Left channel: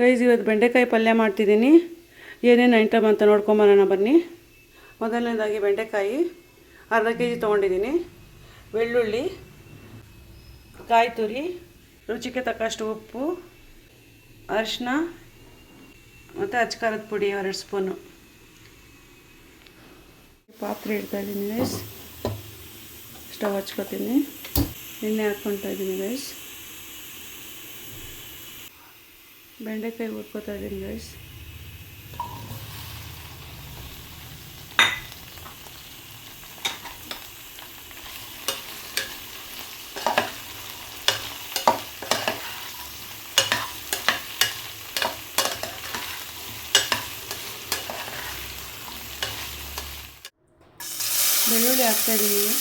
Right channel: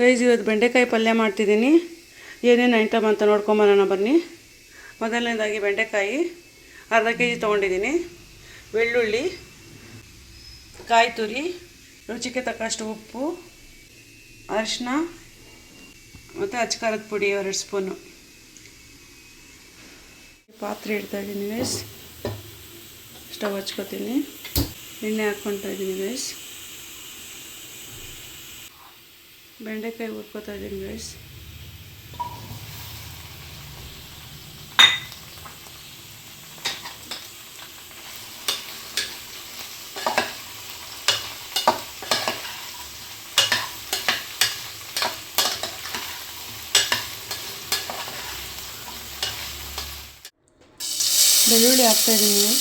Guys ಇವತ್ತು ಬೆಂಡೆಕಾಯಿ ಪಲ್ಯ ಮಾಡ್ತಿದ್ದೀನಿ. ಏನೇನು ಐಟಮ್ ಅಂತ ನೋಡ್ಕೊಂಬರೋಣ ಬನ್ನಿ. ಮೊದಲನೇದಾಗಿ ಬೆಂಡೆಕಾಯಿ ಅರ್ಧ ಕೆ ಜಿ ತೊಗೊಂಡಿದ್ದೀನಿ. ಬೆಳ್ಳುಳ್ಳಿ, ಕಾಯಿ ತುರಿ, ರುಚಿಗೆ ತಕ್ಕಷ್ಟು ಉಪ್ಪು, ಅರಿಶಿನ ಮತ್ತು ಅಚ್ಕಾರದ ಪುಡಿ 2 ಸ್ಪೂನು. ಪಾತ್ರೆ ಇಡ್ತಾಯಿದ್ದೀನಿ ಗೈಸ್. ಸ್ಟವ್ ಹಚ್ಕೊತೀನಿ. ಎಣ್ಣೆ ಹಾಕ್ಕೊತಾ ಇದ್ದೀನಿ ಗೈಸ್. ಬೆಂಡೆಕಾಯಿ ಹುರ್ಕೋತಾ ಇದ್ದೀನಿ ಗೈಸ್. ಬೆಳ್ಳುಳ್ಳಿ ಹಾಕ್ತಾಯಿದ್ದೀನಿ.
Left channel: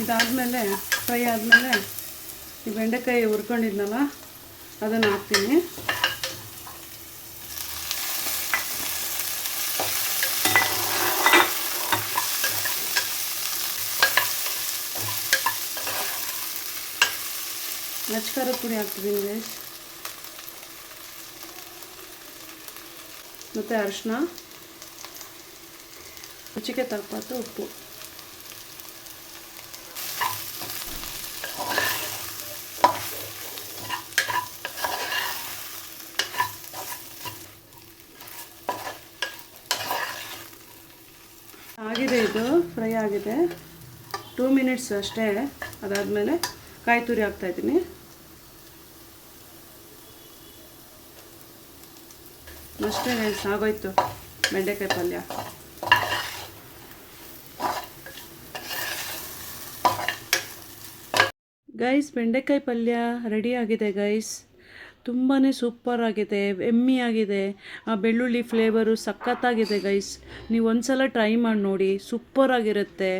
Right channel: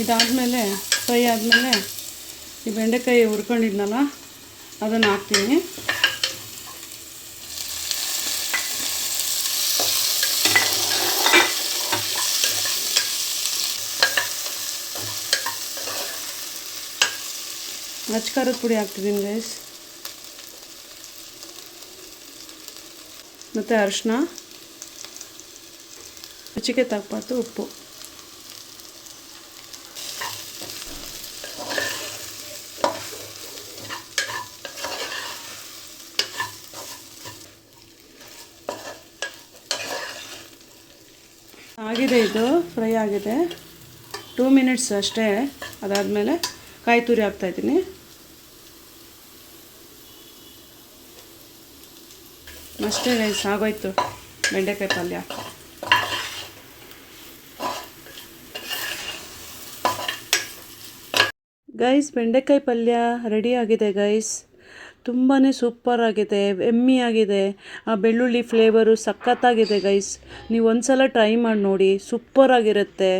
ಇದಾದಮೇಲೆ ಫ್ರೈ ಆದಮೇಲೆ ಈ ಬೆಂಡೆಕಾಯಿ ಹುರ್ಕೊಂಡಿದ್ನಲ್ಲ ಅದನ್ನು ಹಾಕ್ತೀನಿ. ಅಚ್ಕಾರದ ಪುಡಿ ಹಾಕ್ತಿದ್ದೀನಿ ಗೈಸ್. ಮತ್ತು ಅರಿಶಿನ, ರುಚಿಗೆ ತಕ್ಕಷ್ಟು ಉಪ್ಪು. ಆಗಿದೆ, ಇದು ಫ್ರೈ ಆಗಿದೆ. 2 ಮಿನಿಟ್ಸ್ ಅಷ್ಟೇ. ಅದಾದಮೇಲೆ ಕಾಯಿ ತುರಿ ಹಾಕ್ತಾಯಿದ್ದೀನಿ. ಅಷ್ಟೇ ಗೈಸ್, ಆಗೋಯ್ತು ಬೆಂಡೆಕಾಯಿ ಪಲ್ಯ. ಗೈಸ್ ಬೆಂಡೆಕಾಯಿ ಪಲ್ಯ ರೆಡಿ ಆಗಿದೆ ಗೈಸ್. ತುಂಬಾ ಸೂಪರ್ ಆಗಿದೆ, ಎಮ್ಮಿ ಆಗಿದೆ. ಆ ಬೆಳ್ಳುಳ್ಳಿ ಫ್ಲೇವರು ಸಖತ್ತಾಗಿದೆ ಗೈಸ್. ನೀವು ಒಂದ್ಸಲ ಟ್ರೈ ಮಾಡಿ ನೋಡಿ, ಸೂಪರ್ ಆಗಿರುತ್ತೆ.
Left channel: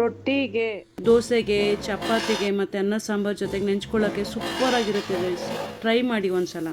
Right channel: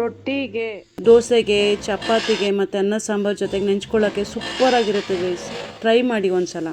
ರೊಟ್ಟಿಗೆ, ದೋಸೆಗೆ, ಚಪಾತಿಗೆ ಮತ್ತು ಅನ್ನ ಸಾಂಬಾರು ಜೊತೆಗೆ ನೆಂಚ್ಕೊಳ್ಳೋಕ್ಕೆ ಸೂಪರ್ ಆಗಿರುತ್ತೆ ಗೈಸ್. ಟ್ರೈ ಮಾಡಿ ಒಂದ್ಸಲ.